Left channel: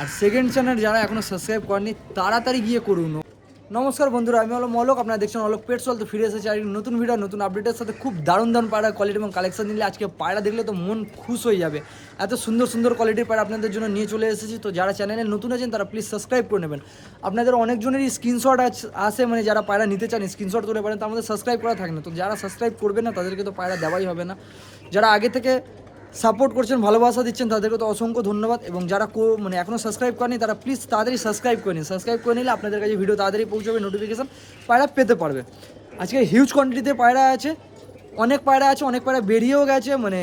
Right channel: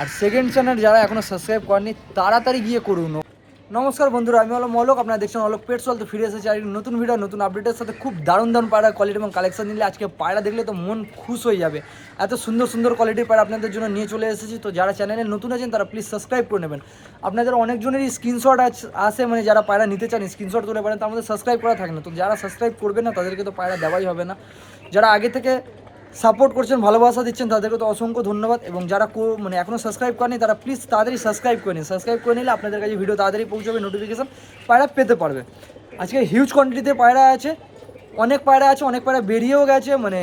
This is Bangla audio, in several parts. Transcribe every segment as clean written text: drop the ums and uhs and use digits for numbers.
আর সেকেন্ড চ্যানেল যারা এখনও সাবস্ক্রাইব করেনি তাড়াতাড়ি গিয়ে করুন। নমস্কার বন্ধুরা, আমি হলো মলক, আপনারা দেখছেন অলোক পেটস ওয়ার্ল্ড। তো ফিরে এসেছি আর নতুন ভিডিও নতুন আপডেটের সাথে। খুব দারুণ দারুণ পায়রা কোয়ালিটি এবং কালেকশন নিলে আজকে পায়রা দেখলে তো মন খুশ হয়ে যাবে। এত সুন্দর সুন্দর কোয়ালিটির পায়রা আপনাদের জন্য নিয়ে চলে এসেছি। তো যারা চ্যানেলে নতুন আছেন তারা প্লিজ সাবস্ক্রাইব করে নেবেন। আপনাদের অনেকজনেরই স্ক্রিনশট আসে, মানে যারা পায়রা নিতে চান স্ক্রিনশট তুলে পারেন, তার মধ্যে সাবস্ক্রাইব করা থাকে না। তো যারা সাবস্ক্রাইব করবে না তাদেরকে তো পায়রা দেওয়াই হবে না। যারা আগে থেকে সাপোর্ট করছেন, ভালোবাসা দিচ্ছেন, তাদেরকে তো অসংখ্য ধন্যবাদ। এবং যারা মানে এখনও সাবস্ক্রাইব করেনি তারা প্লিজ তাড়াতাড়ি সাবস্ক্রাইব করে নিন। সাবস্ক্রাইব করে নিলে আপনাদের কাছে ভিডিও তাড়াতাড়ি পৌঁছবে, নোটিফিকেশান পায়রা পেতে পারবে। আজকে হিউজ কোয়ান্টিটিতে পায়রা আছে, অনেক পায়রা আছে, অনেক পায়রা বেরিয়েও গেছে। মানে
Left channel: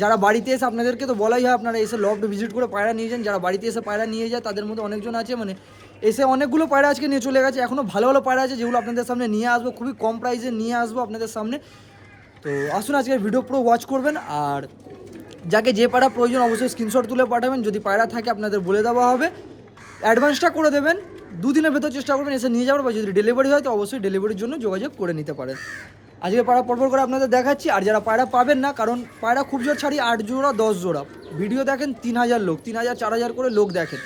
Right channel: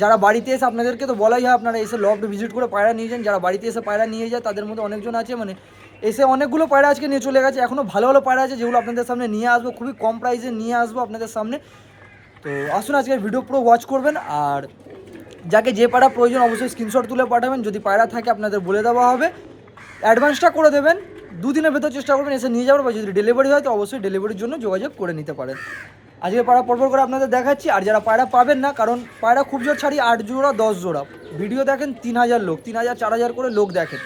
যারা বাড়িতে এসে, আপনাদেরকে তো বলাই হয় আপনারা এসে লফট ভিজিট করে পায়রা নিয়ে যান। যারা বাড়িতে এসে পায়রা নিয়ে যায় তাদের মধ্যে অনেকজন আছে, মানে এসে অনেকগুলো পায়রা আজকে নিয়ে চলে গেছে। এখনও ভালো ভালো পায়রা আছে যেগুলো আপনাদের সামনে নিয়ে আসবো, খুবই কম প্রাইসে নিয়ে আসবো আপনাদের সামনে। তো আসুন আজকের ভিডিও পুরো ওয়াচ করবেন। আর যাকে যে পায়রা প্রয়োজন অবশ্যই স্ক্রিনশট তুলে পাঠাবেন। যদি পায়রা থাকে আপনাদের বলে দেওয়া হবে, অ্যাডভান্সটা করে দেবেন। দুদিনের ভেতর চেষ্টা করবেন এসে নিয়ে যাওয়ার। বা যদি ডেলিভারি হয় তো অবশ্যই ডেলিভারির জন্য যোগাযোগ করে নিতে পারেন। আজকে পায়রা পরপর করে আপনাদের দেখাচ্ছি। আর যারা পায়রা পাবেন না, কারণ পায়রা খুব জোর ছাড়ি 8 জোড়া 10 জোড়া, ভিডিও দেখেন 3000 লোক, 3000 4000 করে লোক দেখেন।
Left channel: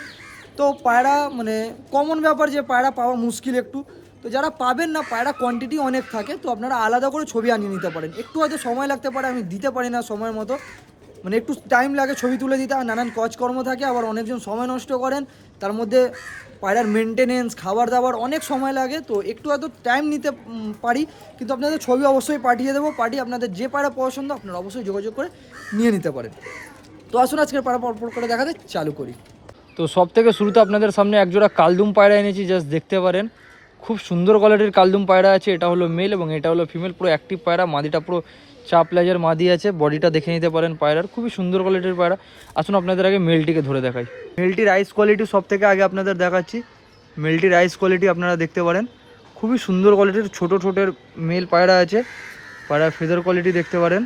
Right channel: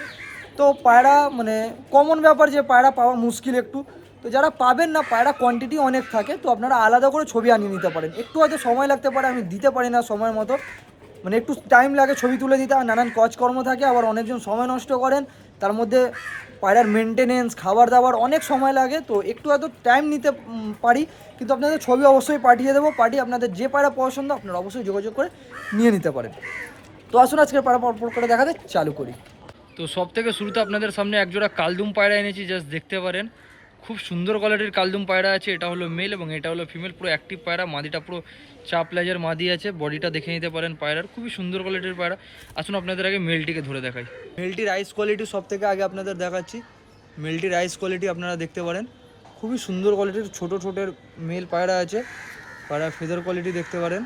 তো পায়রা মানে কমন ব্যাপার যে পায়রা পাওয়া মুশকিল একটু। তো যারা পাবেন না, পায়রা কোয়ান্টিটি অনেক থাকে, তো আপনারা আলাদা করে ছবি আনিয়ে নিতে পারেন। একটু হয়তো সময় লাগতে পারে, আমি দিতে পারি না সময় মতো, মানে একটু টাইম লাগে ছবি তুলে দিতে। আর নানান কাজকর্ম থাকে, আবার অনেকজন সময় নষ্ট করেন, তার মধ্যে পায়রার মেনটেনেন্স, খাবার দাবার অনেক সময় লাগে। তো একটু হয়তো টাইম নিতে পারি, কিন্তু আপনাদের ছবি অবশ্যই পাঠিয়ে দেবো। পাঠিয়ে আপনাদের যে পায়রা পছন্দ আপনারা অবশ্যই যোগাযোগ করে নিয়ে নিতে পারেন। তো আসুন আজকের পায়রা পরপর করে দেখাতে চালু করি। তো সব থেকে শুরুতে আপনাদের সামনে একজোড়া কালদুম পায়রা এনেছি, জাস্ট দেখতে পারেন। খুব সুন্দর কোয়ালিটির কালদুম পায়রা আছে। এটা হলো মেল এবং এটা হলো ফিমেল, পুরো অ্যাক্টিভ পায়রা। মাদিটা পুরো চাপ লেজের মাদি আছে, বডিটা দেখে নিতে পারেন পায়রার। খুবই সুন্দর কোয়ালিটির পায়রা। আসুন আপনাদের আগে মেলটিকে ধরে দেখাই। মেলটির আইস কোয়ালিটি সব থেকে আগে আপনাদের দেখাচ্ছি। মেলটির আইস কোয়ালিটি আপনারা দেখতে পারেন, খুবই সুন্দর কোয়ালিটির। ছোটো ছোটোর মেল পায়রা আছে। পায়রার ফেদার কোয়ালিটি দেখতে পারেন,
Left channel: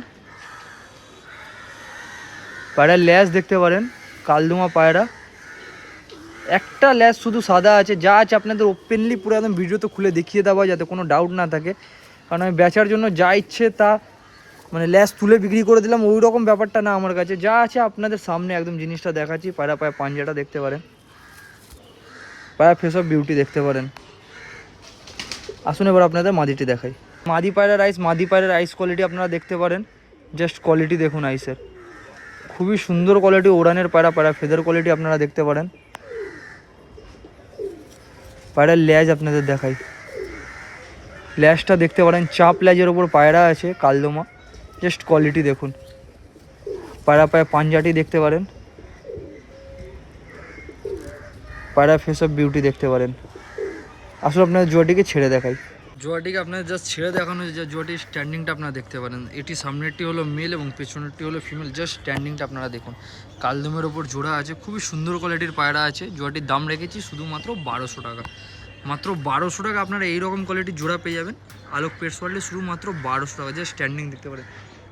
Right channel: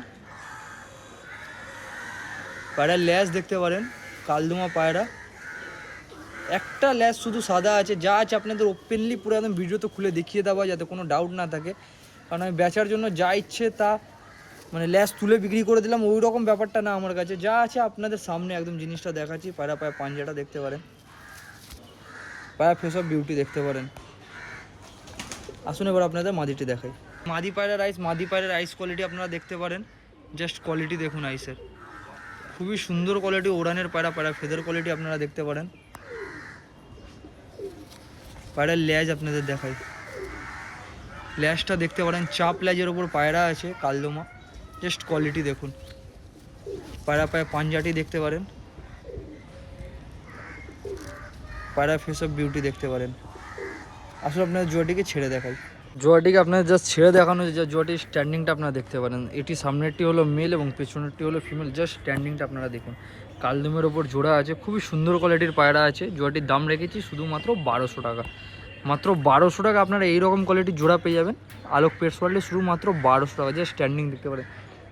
পায়রার ল্যাজ দেখতে পারেন। কালদুমা পায়রা, একটা ল্যাজ শুধু সাদা আছে। যা আছে আপনাদের ওপেনলি পুরো একদম ভিডিওতে খুলে দেখিয়ে দেওয়া, যাতে কোনো ডাউট না থাকে। কারণ আমি বেচার জন্য যা ইচ্ছে তা মানে ল্যাস তুলে বিক্রি করে দিলাম, ওই রকম ব্যাপারটা না আমার কাছে। যা আছে আপনাদের সামনে একদম জিনিসটা দেখাচ্ছি। পায়রা পায়ে পাঞ্জাটা দেখতে পারেন, পায়রা ফেস অফ বিউটি দেখতে পারেন। আসুন এবার আপনাদের মাদিটি দেখাই। মাদি পায়রার আইস কোয়ালিটি আপনারা দেখতে পারেন। জাস্ট কোয়ালিটি দেখুন আইসের, খুবই সুন্দর কোয়ালিটি। ওড়ানের পায়রা, পায়রা ফেদার কোয়ালিটি আপনারা দেখতে পারেন। পায়রার ল্যাজ আপনাদের দেখাই, ল্যাজটা দেখতে পারেন। চাপ ল্যাজের ওপর পায়রা আছে কালদমা, জাস্ট কোয়ালিটি দেখুন। পায়রা পায়ে পাঞ্জাটি দেখতে পারেন, পায়রা ফেস অফ বিউটি দেখতে পারেন। আসলে আপনাদের জোয়াটিকে ছেড়ে দেখাই। জোয়াটিকে আপনাদের জাস্ট ছেড়ে দেখানো যে জোয়াটির স্ট্যান্ডিংটা আপনারা দেখতে পারেন। এটি সামনেরটি হলো মেল এবং পেছনেরটি হলো ফিমেল। জাস্ট স্ট্যান্ডিংটা আপনারা দেখুন। কালদমের ওপর জোড়া আছে, খুবই সুন্দর কোয়ালিটির পায়রা আছে। জোয়াটির দাম রেখেছি শুধুমাত্র 1200 টাকা। মাত্র 1200 টাকা আপনারা এইরকম কোয়ালিটির জোড়া পেয়ে যাবেন আলোক পেটস ওয়ার্ল্ডে, শুধুমাত্র 1200 টাকা। জাস্ট স্ট্যান্ডিং দেখতে পারেন।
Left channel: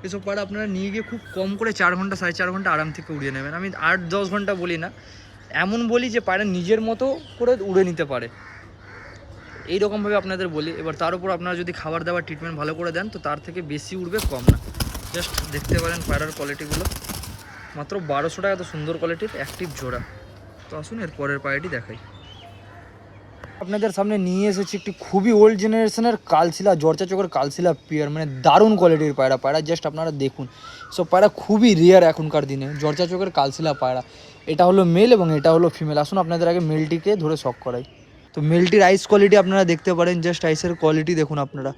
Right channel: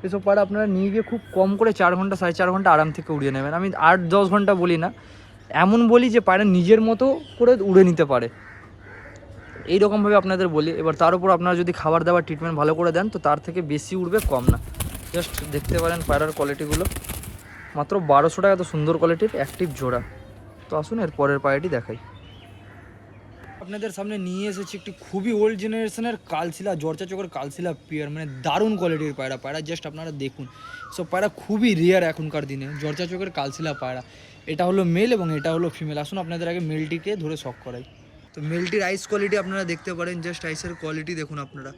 এসব পায়রা আপনারা নিয়ে গিয়ে খুব কম করে 4 ঘন্টা 4.5 ঘন্টা আরাম থেকে উড়িয়ে নেবেন। আমি 8-10 ঘন্টা বলি না, এমন বলি যে পায়রা নিজের মতো করে উড়ে নিতে পারে, এইরকমভাবে আপনাদের বলি। এবার তার উপর আপনারা যদি খাবার দাবার ট্রিটমেন্ট ভালো করে দেন তো তার থেকে বেশি উঠবে, কম না। জাস্ট দেখতে পারেন পায়রার কোয়ালিটিগুলো। মাত্র 1200 টাকা, এত সুন্দর কোয়ালিটির অ্যাক্টিভ জোড়া। তো আসুন এর পরের পায়রাটি দেখাই। আপনাদের সামনে নিয়ে এসেছি একটি খুবই ওল্ড জেনারেশনের কালশিলা, জর্চা চোখের কালশিলা পেয়ার। মানে দারুণ কোয়ালিটির পায়রা। পায়রা জাস্ট আপনারা দেখুন, সব পায়রা খুবই রেয়ার এখনকার দিনে। জর্চা চোখের কালশিলা পায়রা, এটা হলো মেল এবং এটা হলো ফিমেল। আসুন আপনাদের আগে মেলটিকে ধরে শক করাই। তো মেলটির আইস কোয়ালিটি আপনারা দেখতে পারেন, জাস্ট আইসের কোয়ালিটি দেখুন আপনারা।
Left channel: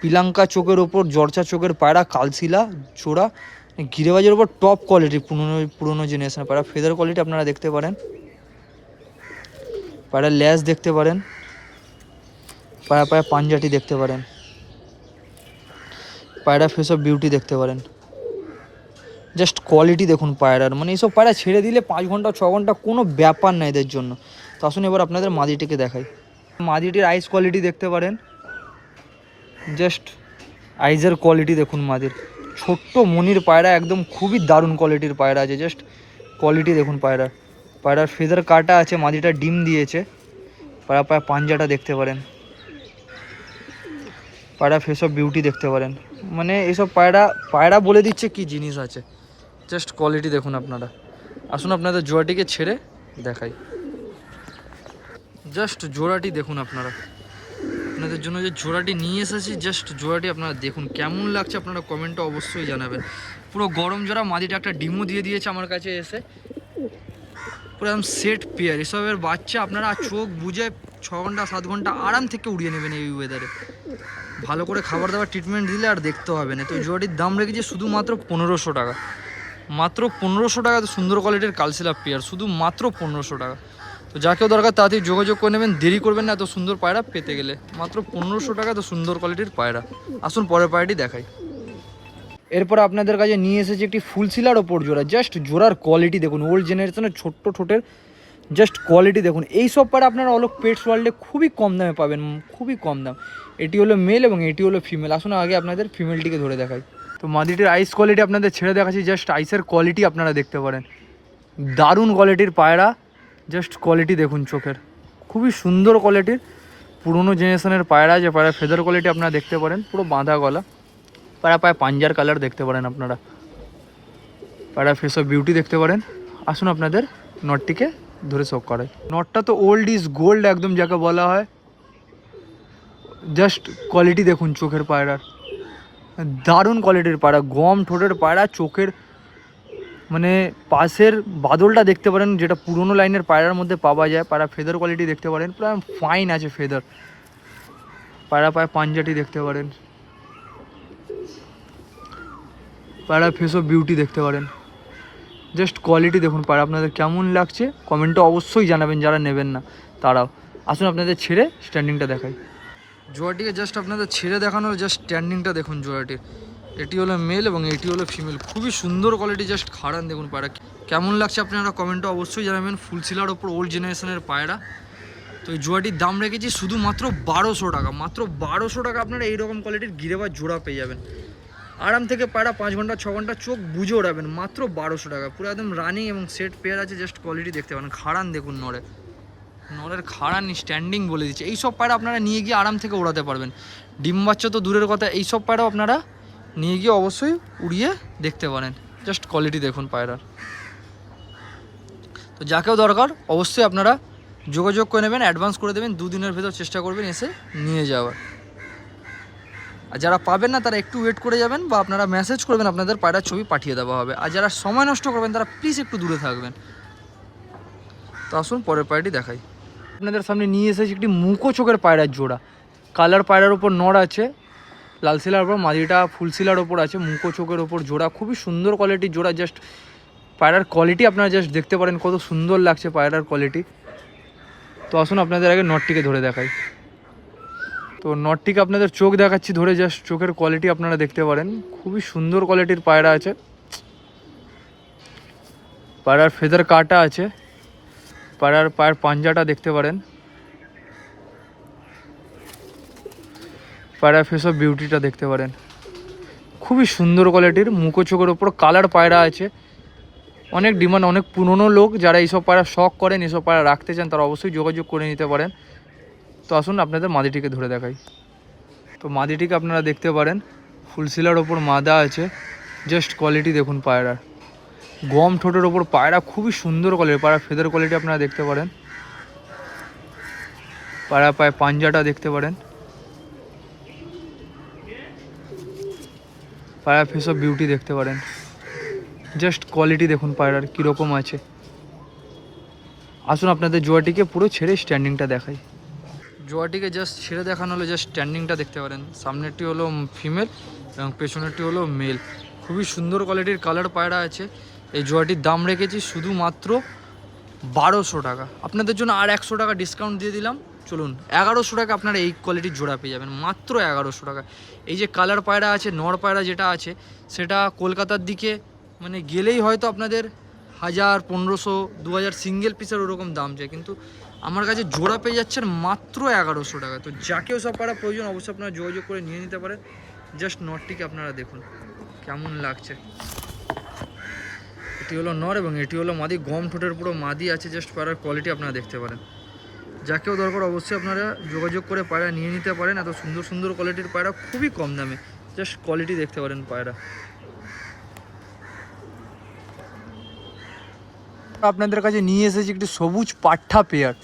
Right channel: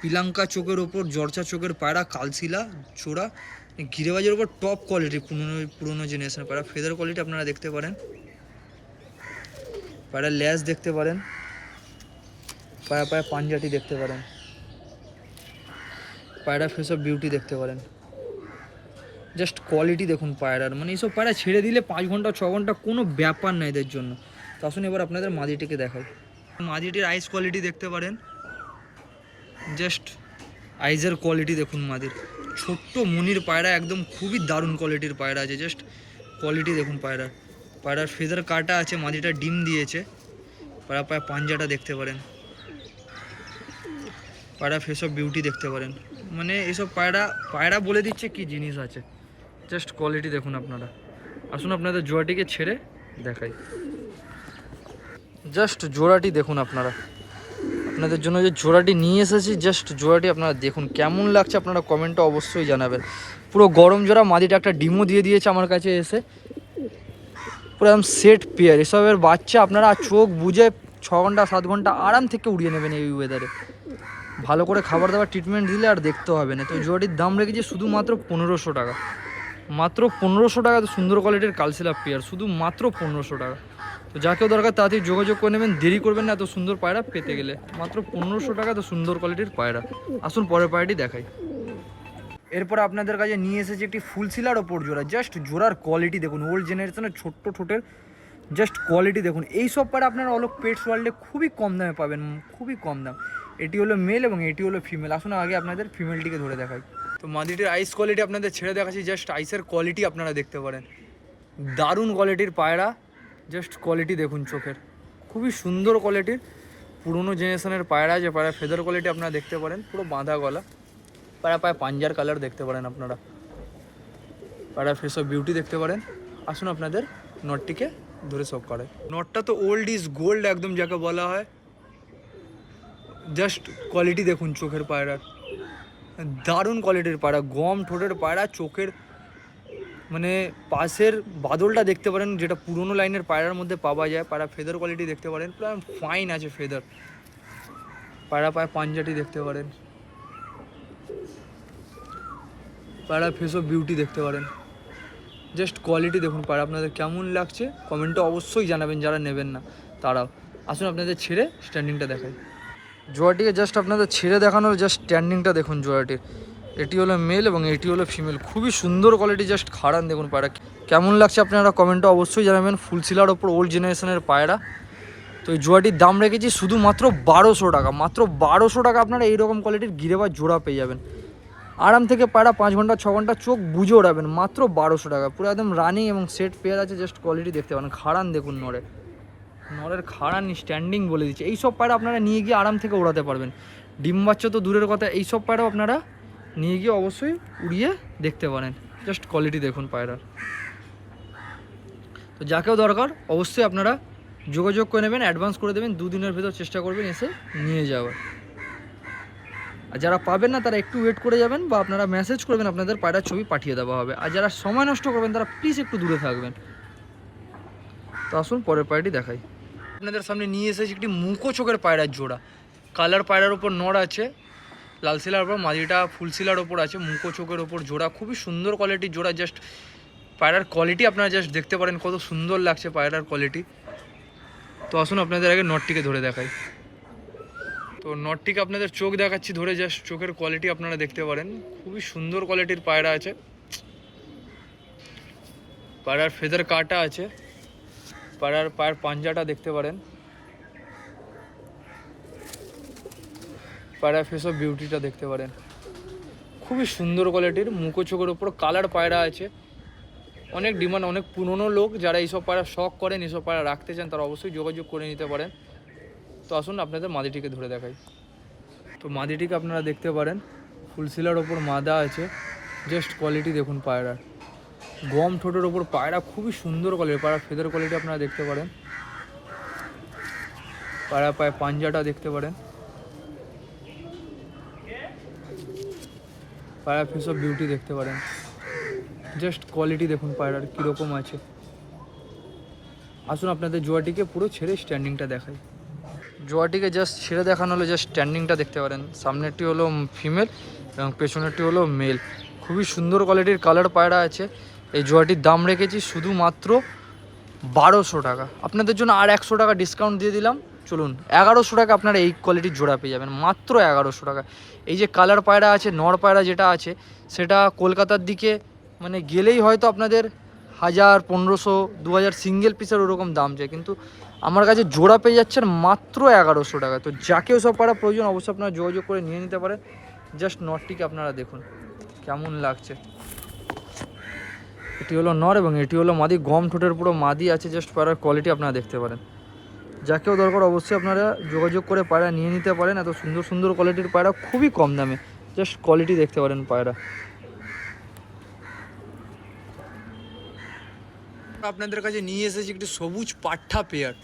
পিলাঙ্কা চোখের ওপর জর্চা চোখের পায়রা, কালশিলা জোড়া, গিরেবাজের ওপর টপ কোয়ালিটি, পুরনো জেনারেশনের পায়রা। ফেদার কোয়ালিটি আপনারা দেখতে পারেন, পায়রার ল্যাজ দেখতে পারেন, পায়রা পায়ে পাঞ্জাটি দেখতে পারেন, পায়রা ফেস অফ বিউটি দেখতে পারেন। জাস্ট কোয়ালিটি দেখুন পায়রার। মানে এইসব পায়রা ছেড়ে দিলে 5 ঘন্টা 6 ঘন্টা কোনো ব্যাপার না এদের জন্য। তো আসুন এবার আপনাদের মাদিটিকে দেখাই। মাদিটির আইস কোয়ালিটি দেখতে পারেন, জাস্ট আইজের কোয়ালিটি দেখুন মাদির। ছোট্ট মনির পায়রা, একদম খুবই দারুণ কোয়ালিটির পায়রা আছে। জাস্ট কোয়ালিটি দেখুন পায়রার। পায়রার ফেদার কাটা আছে, মাদিটা ডিম দিয়েছে। পায়রা পায়ে পাঞ্জাটা দেখতে পারেন, পায়রা ফেস অফ বিউটি দেখতে পারেন। মানে এইসব পায়রা বলে দিচ্ছে কি জিনিস আছে। জাস্ট কোয়ালিটি দেখুন আপনারা। আসুন আপনাদের জোয়াটিকে ছেড়ে দেখাই। জাস্ট জোড়াটি দেখুন আপনারা, আপনাদের জন্য যে জোড়াটি নিয়ে এসেছি, জাস্ট জোড়াটি আপনারা দেখুন কেমন লাগছে, আপনারা কমেন্টে অবশ্যই জানাবেন। পুরো গরম জোড়া, মাদিটা একটা ডিমও দিয়ে দিয়েছে আমার কাছে এসে, পুরো একদম সেট পেয়ার। এসবের বাচ্চা আপনারা চোখ বুঝে 6 ঘন্টা 7 ঘন্টা আরাম থেকে উড়িয়ে নেবেন এই ওয়েদারে। ভালো করে খাবার দাবার ট্রিটমেন্ট দিলে আর দেখতে হবে না। তো এই জোড়াটির দাম রেখেছি শুধুমাত্র 1500 টাকা, মাত্র 1500 টাকা। তো সুন্দর কোয়ালিটির কালসিলা পেয়ার, শুধু মাত্র 1500 টাকা। তো যাকেও দরকার তাড়াতাড়ি যোগাযোগ করে নেবেন, দেরি করবেন না এত সুন্দর পায়রা পেতে গেলে। মাত্র 1500 টাকা তো সুন্দর কোয়ালিটির পায়রা। আসুন পরের পায়রাটি দেখাই। এরপর আপনাদের কাছে নিয়ে এসেছি একটি ফুলশিলার ওপর জোড়া। জাস্ট জোড়ার কোয়ালিটি দেখুন, ওল্ড জেনারেশনের ছোট্ট ঠোঁটের জাস্ট কোয়ালিটি দেখুন। এই সব পায়রা আপনারা অলোক পেটস ওয়ার্ল্ডে খুবই কম দামে পাবেন, খুবই কম দাম। এটি হলো মেল এবং এটি হলো ফিমেল। আসুন আগে আপনাদের ফিমেলটিকে ধরে দেখাই। তো মাদিটির আইস কোয়ালিটি আপনাদের ছেড়ে দেখাচ্ছি। জাস্ট আইসের কোয়ালিটি আপনারা দেখতে পারেন, দারুণ কোয়ালিটির পায়রা। জাস্ট কোয়ালিটি দেখুন চোখের, খুবই সুন্দর কোয়ালিটির পুরনো জেনারেশনের পায়রা। যে পায়রা ফেদার কোয়ালিটি আপনারা দেখতে পারেন, পুরো বাঁধা গলা পায়রা, পায়ে পাঞ্জার কালার দেখতে পারেন আপনারা, পায়রা ফেস অফ বিউটি দেখতে পারেন। আসুন আপনাদের নটটিকে ধরে শোক করাই। নটটা তো ওল্ড ইজ গোল্ড একদম যাকে বলা হয়। জাস্ট কোয়ালিটি দেখুন চোখের পায়রার, দারুণ কোয়ালিটির পায়রা, গম ঠোঁটের পায়রা। চোখের মানে পাশের বাদলটা দেখতে পারেন, যেটা পুরনো লাইনের পায়রার মধ্যে পাওয়া যায়। পায়রা ফেদার কোয়ালিটি দেখতে পারেন, পুরো ফাইন আছে ফেদার। পায়রা পায়ে পাঞ্জাটি দেখতে পারেন, পায়রা ফেস অফ বিউটি দেখতে পারেন। জাস্ট কোয়ালিটি দেখুন পায়রা, আপনাদের কেমন লাগছে কমেন্টে অবশ্যই জানাবেন যারা নেবেন না তারাও। আসুন আপনাদের ছেড়ে স্ট্যান্ডিংটা দেখাই। জোড়াটিকে জাস্ট আপনাদের ছেড়ে দেখানোর জাস্ট স্ট্যান্ডিংটা দেখুন জোড়াটির। এটি হলো মেল এবং এটি হলো ফিমেল, খুবই সুন্দর কোয়ালিটি। জাস্ট খাড়ান দেখুন পায়রা, কেমন লাগছে আপনারা কমেন্টে অবশ্যই জানাবেন। ফুলশিলার ওপর ওল্ড জেনারেশনের পায়রা। তো এই জোড়াটির দাম রেখেছি শুধুমাত্র 1200 টাকা, মাত্র 1200 টাকা আপনারা এইরকম কোয়ালিটির গিরেবার জোড়া পেয়ে যাবেন। আরাম থেকে পায়রা 5 ঘন্টা 6 ঘন্টা চোখ বুঝে ওড়াবেন, মাত্র 1200 টাকা। পুরো একদম রানিং এবং সেট পেয়ার আছে। জাস্ট কোয়ালিটি দেখতে পারেন, খাড়ান দেখুন নরের খাড়ান স্ট্যান্ডিং বলে দিচ্ছে। এইসব পায়রা আপনারা নিয়ে গিয়ে আরাম থেকে ওড়াতে পারবেন। ডিম বাচ্চা তো দূরের কথা, এইসব পায়রাও আপনারা নিয়ে গিয়ে অবশ্যই উড়িয়ে দেখতে পারেন। জাস্ট কোয়ালিটি দেখুন পায়রার। তো যাকেও দরকার অবশ্যই আপনারা যোগাযোগ করে নেবেন, অ্যাডভান্স করে দেবেন, 2 দিনের ভেতর চেষ্টা করবেন এসে নিয়ে যাওয়ার। আর যারা পাবেন না তারা একটু ওয়েট করে যাবেন, বা আপনারা মেসেজ করবেন, আপনাদের পায়রার ছবি পাঠিয়ে দেওয়া হবে। আর যারা সময় নষ্ট করবেন তারা প্লিজ একটু দূরে থাকবেন। তো আসুন পরের পায়রাটি দেখাই। আপনাদের সামনে নিয়ে এসেছি একটি মুখো চোখের পায়রার জোড়া। কালার পায়রার ওপর নর আছে, লাল শিলার ওপর মাদিটা ফুলশিলার ওপর আছে, মুখো চোখের ওপর জোড়া, খুবই সুন্দর কোয়ালিটির জোড়া। জাস্ট পায়রার কোয়ালিটি আপনারা জাস্ট দেখতে পারেন, কত সুন্দর লাগছে পায়রার কোয়ালিটি। তো আসুন আপনাদের আগে নটটিকে ধরে দেখাই। তো নটটিকে আপনাদের চোখ দেখাচ্ছি ধরে, জাস্ট চোখের কোয়ালিটি আপনারা দেখতে পারেন, খুবই সুন্দর কোয়ালিটির পায়রা আছে। পায়রার ফেদার কাটা আছে, পায়রার পায়ের পাঞ্জাটা দেখতে পারেন, পায়রা ফেস অফ বিউটিটা দেখতে পারেন, খুবই সুন্দর কোয়ালিটির মুখো চোখের ওপর কালার পায়রা আছে। অনেক ডিমান্ড, অনেক পুরনো লোক যারা এইসব পায়রা শখ করেন, এইসব পায়রা রাখতে চান, তারা অবশ্যই যোগাযোগ করে নিতে পারেন। তো আসুন আপনাদের মাদিটিকে ধরে দেখাই। তো মাদিটিকে আপনারা দেখতে পারেন, ফুলশিলার ওপর মাদা আছে। জাস্ট কোয়ালিটি দেখুন পায়রার, গম ঠোঁটের ওপর পায়রা, খুবই সুন্দর কোয়ালিটি। পায়রা ফেদার কোয়ালিটি আপনারা দেখতে পারেন, পায়রা পায়ে পাঞ্জাটা দেখতে পারেন, পায়রা ফেস অফ বিউটি দেখতে পারেন। জাস্ট কোয়ালিটি দেখুন পায়রার কীরকম আছে। আসুন আপনাদের জোয়াটিকে পুরো ছেড়ে স্ট্যান্ডিংটা দেখাই। জোয়াটিকে জাস্ট ছেড়ে দেখানো হলো, জাস্ট স্ট্যান্ডিংটা দেখতে পারেন। সামনেরটি হলো ফিমেল এবং পেছনেরটি হলো মেল, খুবই সুন্দর কোয়ালিটির কালার পায়রা আছে। এই জোয়াটির দাম রেখেছি শুধুমাত্র 1200 টাকা। আপনাদের জন্য আর 100 টাকা ডিসকাউন্ট দিয়ে দিলাম, চলুন 1100 টাকা আপনারা এই কোয়ালিটির জোড়া পেয়ে যাবেন, মাত্র 1100 টাকা। এই যে কালার পায়রা আছে, নর পায়রা যেটা আছে, সেটা কলকাতার দিকে মানে গেলেই হয়তো আপনাদের 1000, 1500, 2000 সিঙ্গেল পিসের ওরকম দাম যায়, কিন্তু আমার কাছে জোড়া পেয়ে যাচ্ছেন মাত্র 1100 টাকা। তো যাকেও সব পায়রা প্রয়োজন অবশ্যই আপনারা যোগাযোগ করে নিয়ে নিতে পারেন। জাস্ট নটটিকে আপনারা দেখুন কেমন লাগছে। এটি হলো নর এবং এটি হলো মাদি, গম ঠোঁটের পুরো মাদি আছে। জাস্ট পায়রার কোয়ালিটি আপনারা দেখতে পারেন। যাকেও দরকার অবশ্যই আপনারা যোগাযোগ করে পায়রা নিয়ে নিতে পারেন। এত সুন্দর সুন্দর কোয়ালিটির পায়রা খুবই কম দামে, জাস্ট কোয়ালিটি দেখতে পারেন পায়রা। আপনাদের কাছে নিয়ে এসেছি একটি সবুজ পাঠা পেয়ার।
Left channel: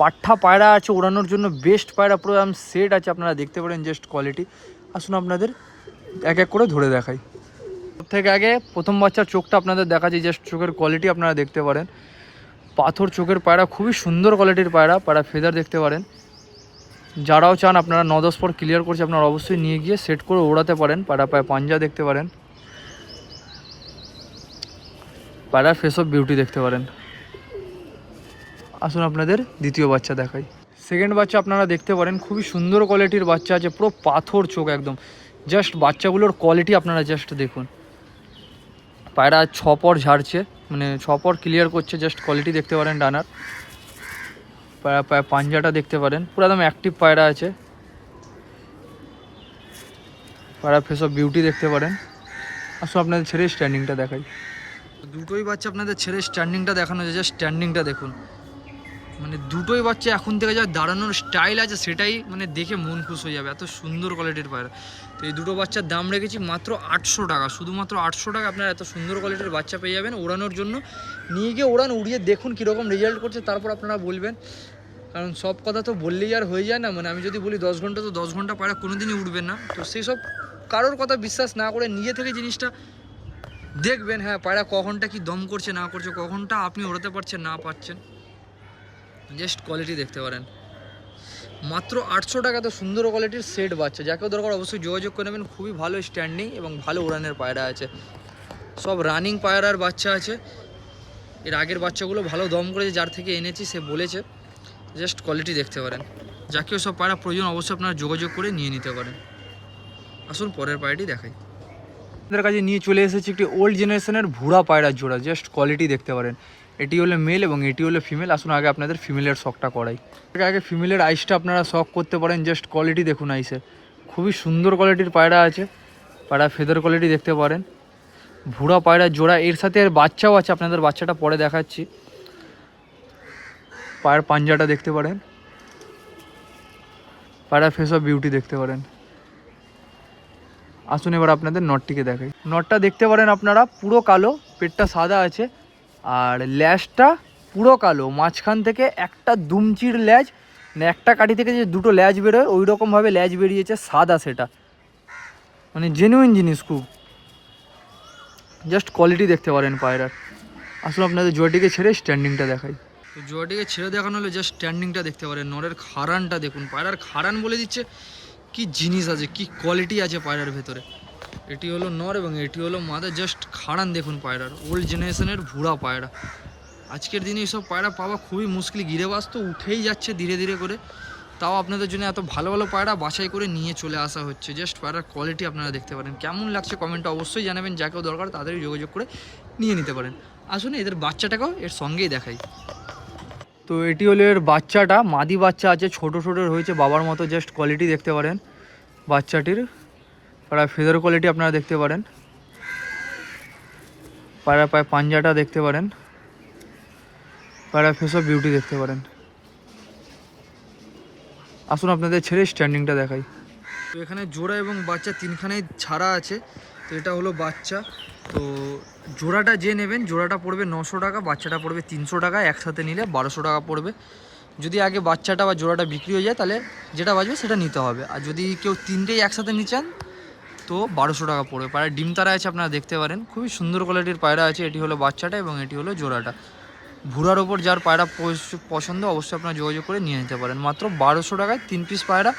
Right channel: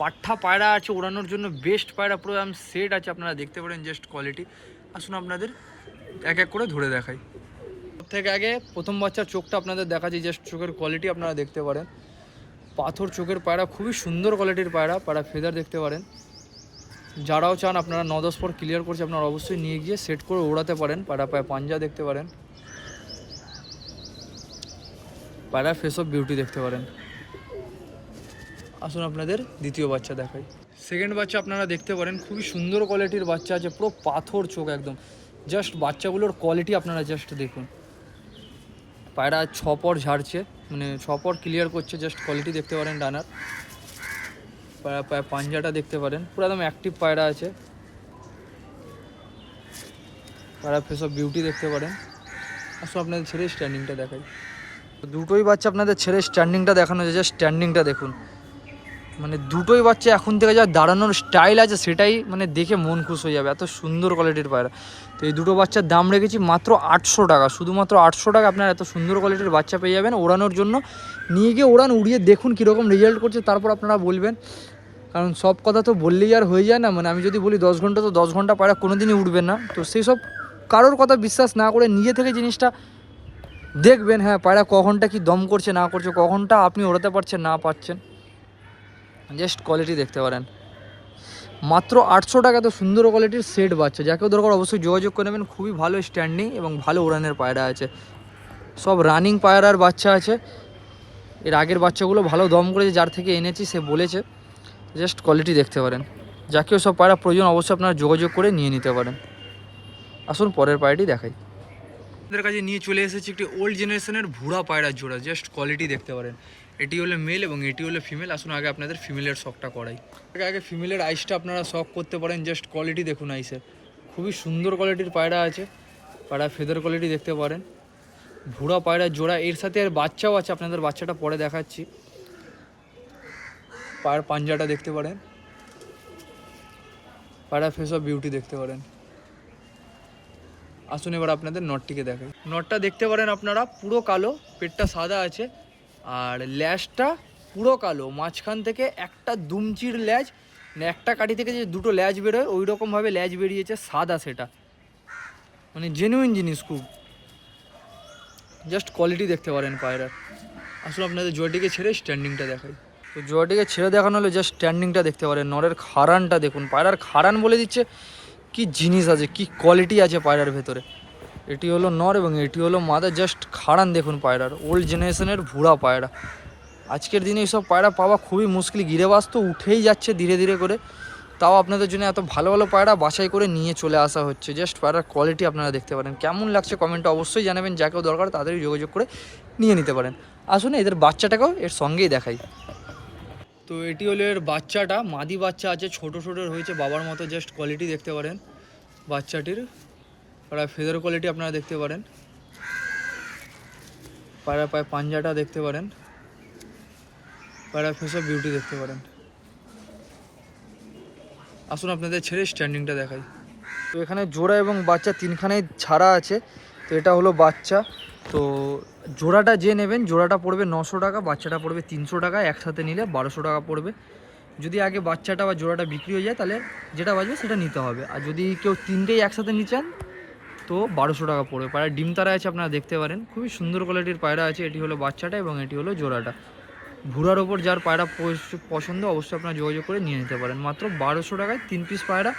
পাঠা পায়রা আছে ওড়ানোর জন্য বেস্ট পায়রা, পুরো সেট আছে, আপনারা দেখতে পারেন জাস্ট কোয়ালিটি। আসুন আপনাদের এক এক করে ধরে দেখাই। সব থেকে আগে প্রথম বাচ্চার চোখটা আপনাদের দেখাচ্ছি, জাস্ট চোখের কোয়ালিটি আপনারা দেখতে পারেন। পাথর চোখের পায়রা, খুবই সুন্দর কোয়ালিটির পায়রা। পায়রা ফেদার দেখতে পারেন। যারাও চান আপনারা 9-10 পর ক্লিয়ার করছে, আপনারা অবশ্যই নিয়ে গিয়ে সেট করে ওড়াতে পারেন। পায়রা পায়ে পাঞ্জা দেখতে পারেন। পায়রার ফেস অফ বিউটি দেখতে পারেন। আসুন আপনাদের দ্বিতীয় বাচ্চা দেখাই। সেকেন্ড বাচ্চা আপনারা দেখতে পারেন, খুবই সুন্দর কোয়ালিটির বাচ্চা আছে, পুরো পাথর চোখ একদম। জাস্ট বাচ্চাগুলোর কোয়ালিটি আপনারা জাস্ট দেখুন। পায়রা 6 পর ঝাড়ছে, মানে 6 পর ক্লিয়ার করছে, জাস্ট কোয়ালিটি দেখতে পারেন ডানার। পায়রা পায়ে পাঞ্জাটা দেখতে পারেন, পুরো একদম অ্যাক্টিভ পায়রা আছে। পায়রা ফেস অফ বিউটি দেখতে পারেন। আসুন আপনাদের ছেড়ে স্ট্যান্ডিংটা দেখাই। দুটোই বাচ্চা আপনাদের ছেড়ে স্ট্যান্ডিংটা দেখানো যায়, জাস্ট স্ট্যান্ডিংটা দেখুন। মানে দুটোই বাচ্চা এখন থেকে যা দাঁড়ানোর স্টাইল আছে সেটাই মানে দেখে মন খুশ হয়ে যাবে, এত সুন্দর কোয়ালিটির পায়রা। তো এই দুটো বাচ্চার দাম রেখেছি মাত্র 800 টাকা, শুধুমাত্র 800 টাকা আপনারা এত সুন্দর কোয়ালিটির বাচ্চা পেয়ে যাবেন ওড়ানোর জন্য। নিয়ে গিয়ে ওড়ান, উড়িয়ে দেখুন কীরকম রেজাল্ট করছে, তারপর আপনারা বলবেন। কারণ সব কথা তো বললেই আর হয়ে যায় না, মানে আমি যদি বলি 10 ঘন্টা, তো 10 ঘন্টা পায়রা কোনো দিনই উঠবেন না। তো সেই সব কারোর কথা বিশ্বাস না করে নিজে থেকে জিনিসটা দেখবেন। হ্যাঁ, পায়রা কখনটা কি দম করছে না করছে, কখনটা আপনি ওড়াতে পারছেন না পারছেন, জাস্ট কোয়ালিটি দেখতে পারেন। মাত্র 800 টাকা তো সুন্দর কোয়ালিটির সেট বাচ্চা, যাকেও দরকার অবশ্যই যোগাযোগ করে নেবেন। খুবই ভালো স্ট্যান্ডিং এবং ভালো উড়ানের পায়রা আছে, সব রানিং পায়রার বাচ্চা আছে। এর আগের বাচ্চাগুলো ভালো দম করেছে, যার থেকে এনেছি সে বলেছে। জাস্ট কোয়ালিটি দেখতে পারেন। যাকেও সব পায়রা প্রয়োজন অবশ্যই আপনারা যোগাযোগ করে নিয়ে নিতে পারেন। আসুন পরের পায়রাটি দেখাই। আপনাদের কাছে নিয়ে চলে এসেছি একটি ওল্ড জেনারেশনের ভুরা পায়রার জোড়া, জাস্ট কোয়ালিটি দেখতে পারেন। এটি হলো মেল এবং এটি হলো ফিমেল। আসুন আগে আপনাদের ফিমেলের শখটা করাই। আগে ফিমেলের আইসটা আপনারা শখ করতে পারেন, জাস্ট কোয়ালিটি দেখুন আইসে, খুবই সুন্দর কোয়ালিটির পায়রা আছে। পায়রা ফেদার কোয়ালিটি দেখতে পারেন। ভুরা পায়রার জোড়া, এর সাথে এর বাচ্চাও আছে, আপনাদের বাচ্চাটা পরে দেখাচ্ছি। পায়ের পাঞ্জাটা দেখতে পারেন। পায়রা ফেস অফ বিউটি দেখতে পারেন। আসুন এবার আপনাদের নটটিকে দেখাই। নটটা দেখতে পারেন আপনারা, পুরো কালো, পেটটা সাদা আছে, আর ল্যাজটা পুরো কালো। মাঝখান থেকে একটা দুমচির ল্যাজ, মানে একটা কাঠি থেকে যে দুটো ল্যাজ বেরোয় ওই রকমভাবে ল্যাজ বেরিয়েছে, সাদা সেটা, মানে জেনুইন জিনিস খুব। জাস্ট কোয়ালিটি দেখতে পারেন পায়রার। আসলে আপনাদের জোয়াটিকে ছেড়ে স্ট্যান্ডিংটা দেখাই। তো জোয়াটিকে ছেড়ে দেখানো হলে জাস্ট স্ট্যান্ডিংটা দেখতে পারেন। নরের খাড়ানটা দেখুন, পায়রার খাড়ান বলে দিচ্ছে কি জিনিস আছে, কি কোয়ালিটি আছে পায়রার ভেতরে। এটি হলো নর এবং এটি হলো মাদা, জাস্ট খাড়ান দেখুন পায়রার। ওল্ড জেনারেশনের ভুরা পায়রা, আজকের দিনে এইসব পায়রা পাওয়া খুবই মুশকিল। গিরেবাস তো উঠেই যাচ্ছে ধীরে ধীরে করে, তাও আপনাদের জন্য এত ভালো ভালো পায়রা বাছাই করে নিয়ে চলে আসা হচ্ছে। জাস্ট পায়রার কোয়ালিটি আপনারা দেখতে পারেন। কেমন লাগছে কমেন্টে অবশ্যই জানাবেন। যাকেও দরকার তাদেরই যোগাযোগ করে নিয়ে নিতে পারেন। আসুন এদের বাচ্চাটাকেও এর সঙ্গেই দেখাই। তো এটি হলো এর বাচ্চাটা, মাদি বাচ্চা আছে, ছোট ছোট হয়েছে বাবার মতো। জাস্ট কোয়ালিটি দেখতে পারেন বাচ্চাটির। পায়রা ফেদার কোয়ালিটি আপনারা দেখতে পারেন। পায়রা পায়ে পাঞ্জাটা দেখতে পারেন। পায়রা ফেস অফ বিউটি দেখতে পারেন। আসুন আপনাদের ছেড়ে স্ট্যান্ডিংটা দেখাই। তো এখানে জোড়া এবং বাচ্চা তিনখানেই ছাড়া আছে। তো এটা হলো বাচ্চা। তো জোড়াটা যে নেবেন, জোড়াটা পড়বে 900 টাকা, বাচ্চাটা পড়বে 300 টাকা। একসাথে নিলে 1200 টাকা পড়বে। যদি আগে বাচ্চাটা বা জোড়াটা বিক্রি হয়ে যায় তাহলে যেটা বাজবে সেটা নিতে হবে। আর যদি কেউ তিনটেই একসাথে নিচ্ছেন তো 1200 টাকা পড়বে। পায়রা ডিম তারা আছে, আপনারা দেখতে পারেন। খুবই সুন্দর কোয়ালিটির পায়রা আছে। এটি হলো বাচ্চাটা এবং এটি হলো জোড়াটা। ভুরার ওপর যার পায়রা পছন্দ অবশ্যই আপনারা যোগাযোগ করে নিয়ে নিতে পারেন। মাত্র 1200 টাকায় 3 পিস পায়রা,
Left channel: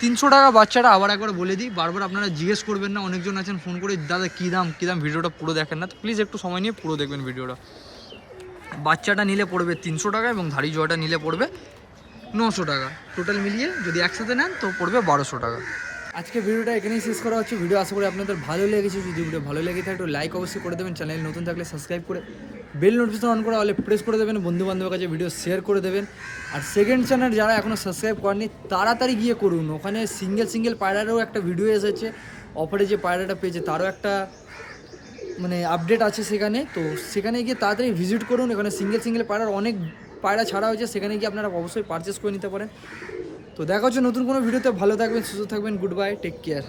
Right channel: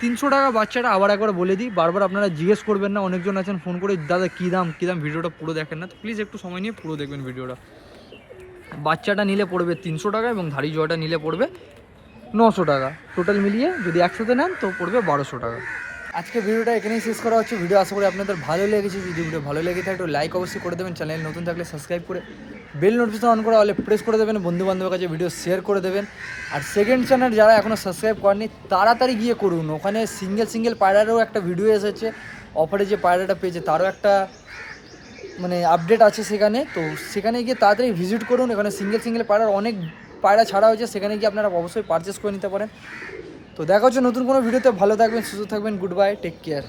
300 টাকা বাচ্চাটা। আবার একবার বলে দিই, বারবার আপনারা জিজ্ঞেস করবেন না। অনেকজন আছেন ফোন করে, দাদা কী দাম কী দাম, ভিডিওটা পুরো দেখেন না। তো প্লিজ একটু সময় নিয়ে পুরো দেখবেন ভিডিওটা। বাচ্চাটা নিলে পড়বে 300 টাকা এবং ধাড়ি জোড়াটা নিলে পড়বে 900 টাকা। টোটাল মিলিয়ে যদি একসাথে নেন তো পড়বে 1200 টাকা। আজকে ভিডিওটা এখানেই শেষ করা হচ্ছে। ভিডিও আশা করি আপনাদের ভালো লেগেছে। যদি ভিডিও ভালো লেগে থাকে একটু লাইক অবশ্যই করে দেবেন। চ্যানেল নতুন থাকলে সাবস্ক্রাইব করে বেল নোটিফিকেশন অন করে হলে প্রেস করে দেবেন। বন্ধু বান্ধবের কাছে ভিডিও শেয়ার করে দেবেন। আর সেকেন্ড চ্যানেল যারা এখনও সাবস্ক্রাইব করেনি তাড়াতাড়ি গিয়ে করুন। ওখানে সিঙ্গেল পায়রারও একটা ভিডিও এসেছে, অফারে যে পায়রাটা পেয়েছে তারও একটা মানে আপডেট আছে সেখানে। তো সেখানে গিয়ে তাড়াতাড়ি ভিজিট করুন। এখানে সিঙ্গেল পায়রার অনেক পায়রা ছাড়া হয়েছে, সেখানে গিয়ে আপনারা অবশ্যই পারচেস করে নিতে পারেন। তো দেখা হচ্ছে নতুন কোনো ভিডিওতে। ভালো থাকবেন, সুস্থ থাকবেন। Good bye, take care.